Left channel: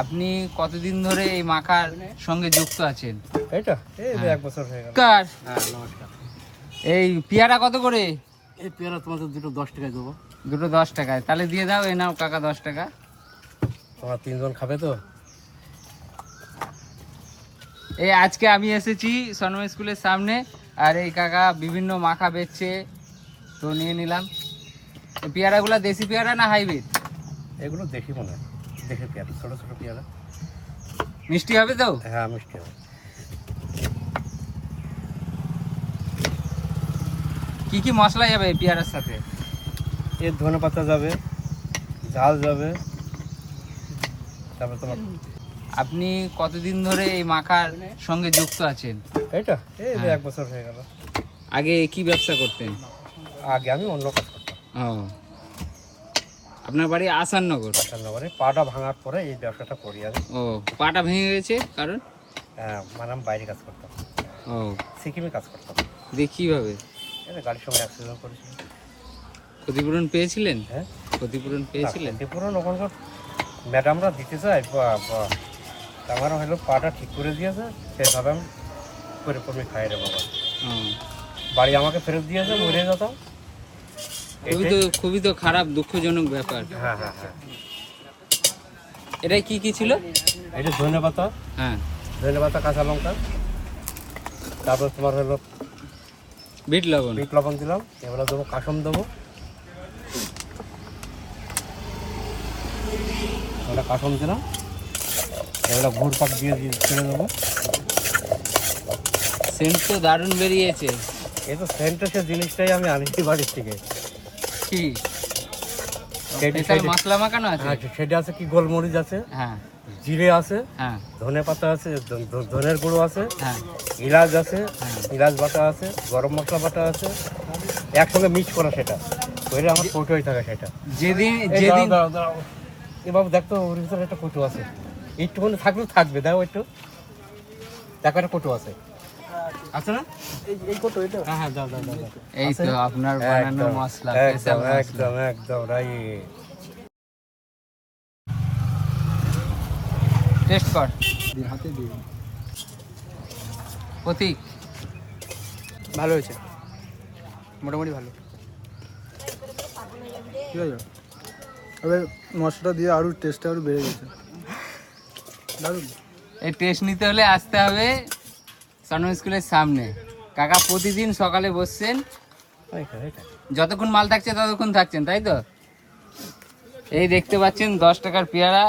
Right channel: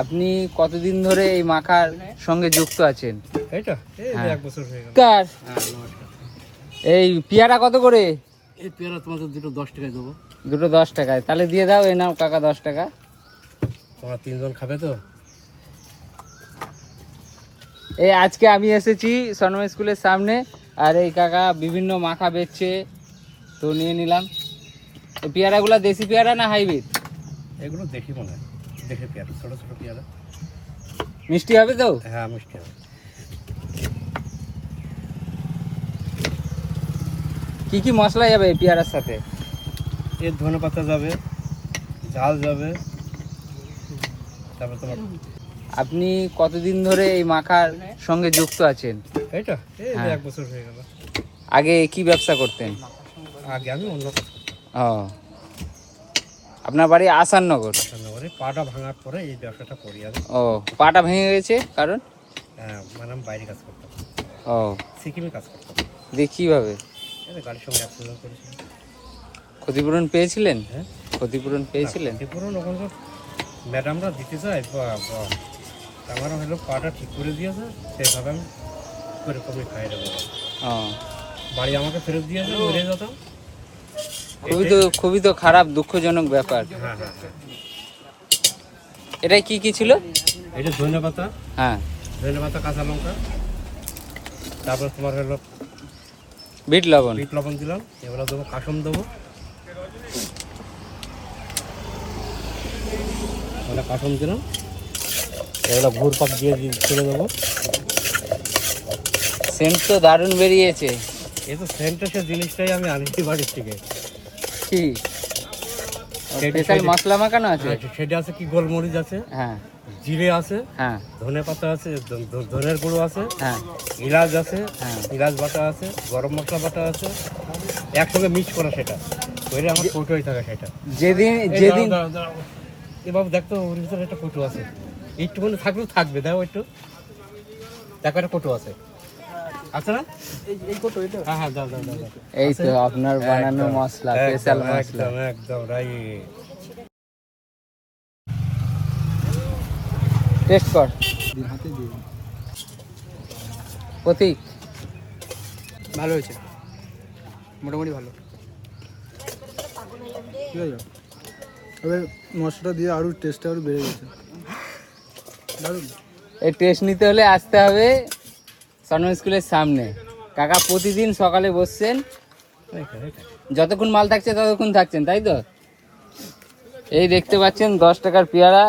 আপনি কতদিন ধরে এই মাখার সঙ্গে যুক্ত আছেন? এইটা এই হ্যাঁ। 1 বছর হয়ে গেল। কার হ্যাঁ, নমস্কার। এই পেয়ারা কত করে? এই পেয়ারা তোমাদের দুটো 10 টাকায় দেবো। দুটো 10 টাকায়। তাহলে দিয়ে দাও, এই নাও কাকা 10 টাকা। তোমরা 3 জন খাবে তো? এই আজকে আমি এসেছি সনম স্কুলের সামনে, আর এই কাকা বিভিন্ন মাখা বেচছে, তো নিয়ে নিলাম। এই পেয়ারাগুলো দেশি পেয়ারা না হাইব্রিড? এগুলো দেখি মনে হয় দেখে পেয়ারা, ছোট ছোট পেয়ারা। মিষ্টি হবে তো? হ্যাঁ, মিষ্টি হবে। কি কি মশলা যাবে এই পেয়ারার সাথে? এর ধনে পাতা যাবে, ঝাল যাবে, তারপর তোমার আপনি কতদিন ধরে এই মাখার সঙ্গে যুক্ত আছেন? এইটা এই হ্যাঁ। 1 বছর হয়ে গেল। আগে কি ব্যবসা করতেন? আগে আমি অন্য কাজ করতাম। ও, আপনার বাড়ি আসাননগর? রান্নাঘরে পাটা ভাঙার পরে এই ব্যবসাটা করি আমি। ও, পাটা ভেঙে গেছে কারণ? হ্যাঁ, মানে আমি বাইরে কাজ করতাম, ও, সিকিমে কাজ করতাম। দিয়ে কিভাবে? এটা গাড়ির সঙ্গে অ্যাক্সিডেন্ট করেছি। ক্ষতিপূরণ পেয়েছিলেন? হ্যাঁ, ক্ষতিপূরণ পেয়েছিলেন? ক্ষতিপূরণ ওখানকার ম্যাডামরা দিতে চায়, আমার হলো পাটা ঠিক করে দিয়েছে, সেইভাবে আমি করে করে খাই রে বাবা। ও, বাড়ি আমাকে ফেরত দিয়েছে, মরে যেতাম। খুবই তো খারাপ, দুঃখজনক ব্যাপার। হ্যাঁ হ্যাঁ হ্যাঁ। এটাই কি ছিল? এটা ধনে পাতা, হ্যাঁ, ধনে পাতা, কাঁচা লঙ্কা, তারপর তোমার হলো বিট লবণ। বিট লবণ দিলাম, এবার দেবো কাসম দেবো, এবার কাসম দিলাম, এবার ভুর পাক দিয়ে ছেড়ে দেবো। সেন্ট তো দারুণ বেরিয়েছে। এই তো সেন্টের জিনিসটাই আমি আনিছি বাড়ির থেকে। কি স্পেশাল মশলা মাখানো আছে? সেটা আছে, কি গোলমরিচ আছে, হ্যাঁ জিরে আছে, হ্যাঁ ধনে পাতা আছে, ধনের গুঁড়ো আছে, হ্যাঁ ইলাচ আছে, হ্যাঁ। ইলাচ বাটা আছে, গরম মশলা বাটা আছে, একসঙ্গে মিক্স করা, সেটা ওইটা আমার কৌটোই থাকে সেটা। যেদিন এই যেদিন দাঁড়াও, দাঁড়াও। এবার দেখতো ওর ভিতরে একটা কৌটো আছে, একটুখানি থাকলেও থাকবে, দেখো একটু দেখো, একটা কৌটো আছে, আছে না? এই কৌটো এটা, হ্যাঁ হ্যাঁ, দাও দাও দাও দাও। এই তো আছে? আপনার বানানো একদম, মশলা, একদম স্পেশাল মশলা। একদম একদম রাইট। টেস্ট কর, হাতে দিন। প্রতীক, ভালো হয়েছে, মোটামুটি ভালো। ঠিক আছে, এবার মশলাটা দিয়ে আরও টেস্টটা আরও বেড়ে গেছে, দারুণ। এই টেস্ট নিতে হলে আসতে হবে সনম স্কুলের সামনে। কাকা প্রতিদিন সকালে বসছেন, যতক্ষণ মাল থাকছে ততক্ষণ থাকছেন, তাই তো? এই দেখতে পাচ্ছেন 10 টাকার পেয়ারা।